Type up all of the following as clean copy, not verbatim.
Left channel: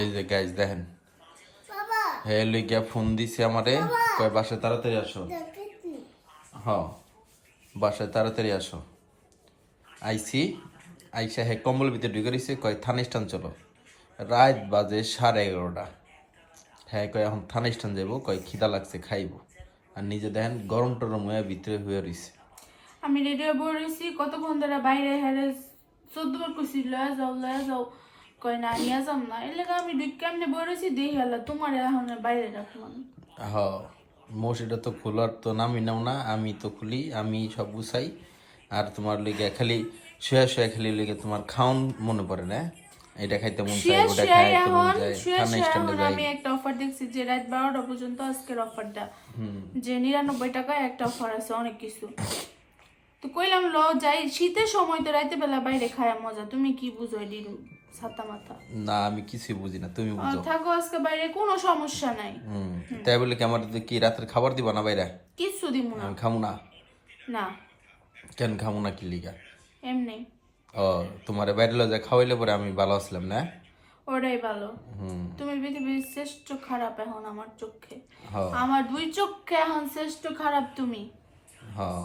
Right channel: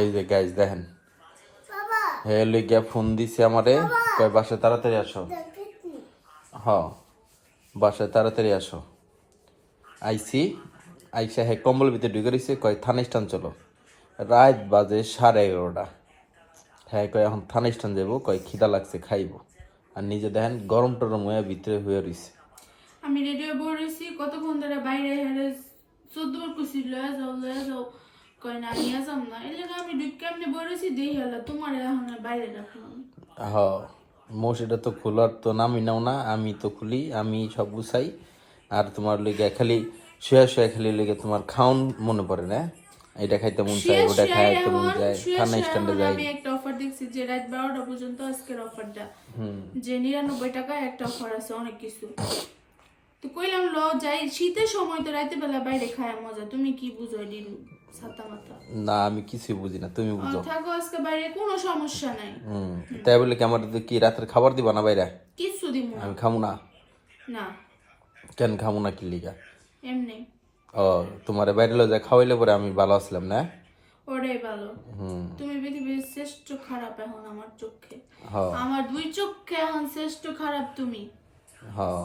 এই যে গাইস দেখেন, হে লইগা ফোন দিছে আমারে, কই বাসায় তাড়াতাড়ি আসো। হ্যাঁ, বাসায় তাড়াতাড়ি আসো। আইসি, আইসা হে কম্বল ভিতরে ঢুকে রইছে, কয় থানা স্টান চলো। রাত বাজে 11:30। হ্যাঁ কয় এখন থানা স্টান যাবো, কয় খিদা লাগছে খাইবো। আর নিজে দেখেন গরম টরম হয়ে ভিতরে হয়ে রইছে। আমি রেডিও বলেছি কতক্ষণ ধরে বাইরে হেরে 14 বার কইছি লয়ে যাও কই না নিয়ে যাম না এর লাগা আমি দুই কেমনে বলেছি দেই হলো তোমার এখন বাইরে রাখলাম। হ্যাঁ, মশিটা তো খোলার তো নামই নাও না, আমি তো খুলি, আমি সব গুছাই। আর তোমার লেগে খালি শুয়ে খালি লেগে তোমার খাউন মনে পড়ে না, এটা খাইতে মন চায়, ওটা খাইতে মন যায়। থানা স্ট্যান্ডে যাই। আমি একটা অফার দেখছি যে রাত 12টা পর্যন্ত আজকের অফারটা, যে 99 টাকায় একটা অফার আছে অনেক কিছু। তো কইলাম ল যাই, শীতের সময় তো রাতে বেলা বাইরে খায়া মজা, তুমি কি বুঝো এডি ছাতা মাথা? না আমি কিছুই বুঝি না, তুমি বুঝো। থাকো আজকে বাইরে, কোনো সমস্যা নাই। তাই বলে কি আমার কি রাতের খাবার দিবা না বাইরে? কিছু দিব না। আমি খাবো না। না কেন খাবো না, কি লিগা? এমনি। ও, তোমার বাইরে যা খাওয়াইলে পরে আমি ভালো আসলাম না? ওটাই ভালো। তুমি পৃথিবীর শ্রেষ্ঠ খারাপ এখন আমার চোখে, হ্যাঁ আমার দুই চোখে এখন শ্রেষ্ঠ খারাপ তুমি। হ্যাঁ,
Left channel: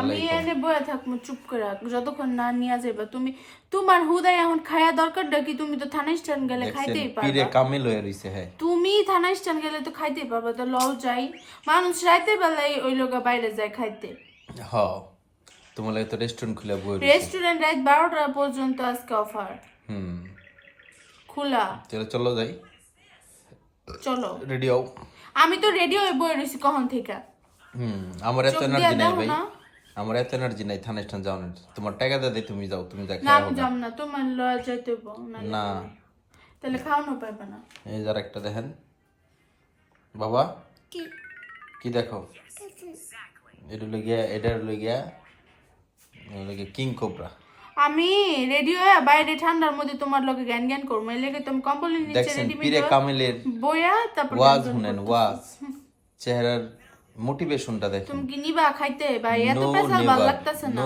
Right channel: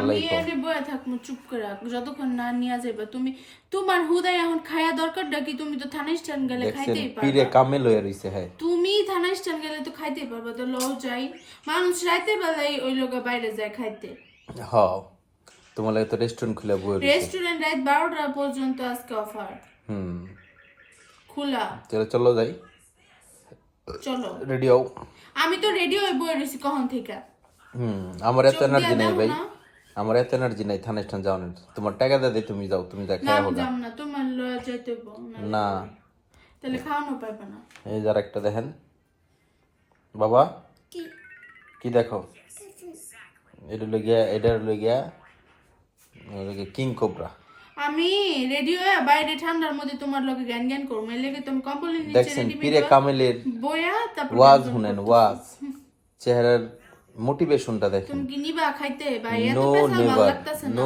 আমি এনে বয়ে থাকবো চুপ করে যতক্ষণ না নিয়ে যাইবা তুমি। তোমার হুদাই এখন খায়া দরকারটা কি? তুমি তো থানা স্ট্যান্ড গেলে খাইতেই পারবা। কামে লয়ে রইছে। হ্যাঁ, তুমি থানা স্ট্যান্ড গেলে তো খাইতেই পারবা। তো লও যাই, মানুষ রাইতে বেলায় ওই লোক বাইরে যায় খাইতে। হ্যাঁ, তোমার লাগে তো রেস্টুরেন্ট খুলে বই রইছে। রেস্টুরেন্ট রাত 12টা পর্যন্ত আজকে অফার খোলা। চলো যাই। চলো রেডি হও। আমি তো রেডি হয়ে বই রইছি কখন থেকে। আমার এত এনার্জি নাই ভাই, আমার এত এনার্জি নাই থানা স্ট্যান্ড যাওয়ার। তোমার টাকা দাও, তুমি যাও, তুমি যা না আমি যাব না, তোমার লয়া যাইতে হইব না। তাহলে খাওয়ানো পাইবে না। এই যার একটা দেখেন বাবা, কি দেখো? এটা লগিয়া কিং কোবরা। আমি রেডি হয়ে বাইরে ঠান্ডার মধ্যে তোমার লগে জ্ঞান জ্ঞান করবো, এর লেগে তুমি কম্বলের নিচে রেডি পিরে কামেলের বইয়া তারপর ওয়াজ শুনেন, ওয়াজ চেহারার মোটিভেশনটা দেখেন। তুমি কি নিবা খাইতে? ভাই এত পেশাল ভাল লাগতেছে না,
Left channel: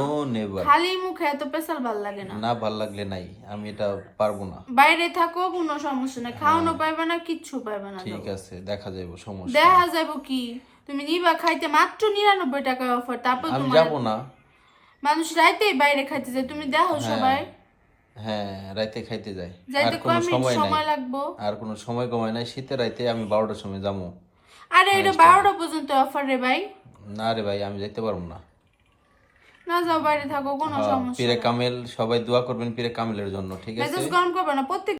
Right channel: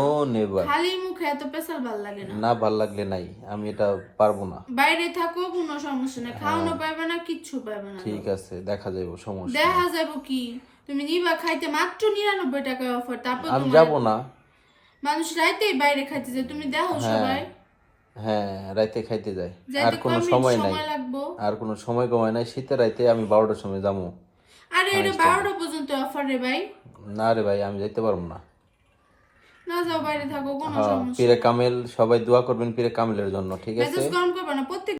খালি মুখে এত পেশাল ভাল লাগে না। না ভাল লাগলে নাই, আমি এটা পারবো না। বাইরে থাকো কোনো সমস্যা নাই, খাওয়ানো পাইবে না, কিচ্ছু পাইবে না। ঠিক আছে, দেখা যাবে, সমস্যা দেখা যাবো কি? তুমি নিবা খাইতে মাত্র 99 টাকা অফার, তারপর তোমার যাবো না। মানুষ রাইতেই বাইরে খাইতে যায়, তুমি দেখো সবাই। হ্যাঁ, রাতে খাইতে যায়, যাইতে কয় মিনিট সময় লাগবো? আর কোনো সময় কমায় নাই। শীতের রাতে আমি 12টার সময় যাবো। আরে এটা 12টা পর্যন্ত অফার রে ভাই। না রে ভাই, আমি যেতে পারবো না। না যাও, বাইরে থাকো, কোনো সমস্যা পীরে নেই। কামেল সবাই দোয়া করবেন পীরে কামেলের জন্য, ঠিক আছে? মেজাজ গরম করবে না প্রত্যেক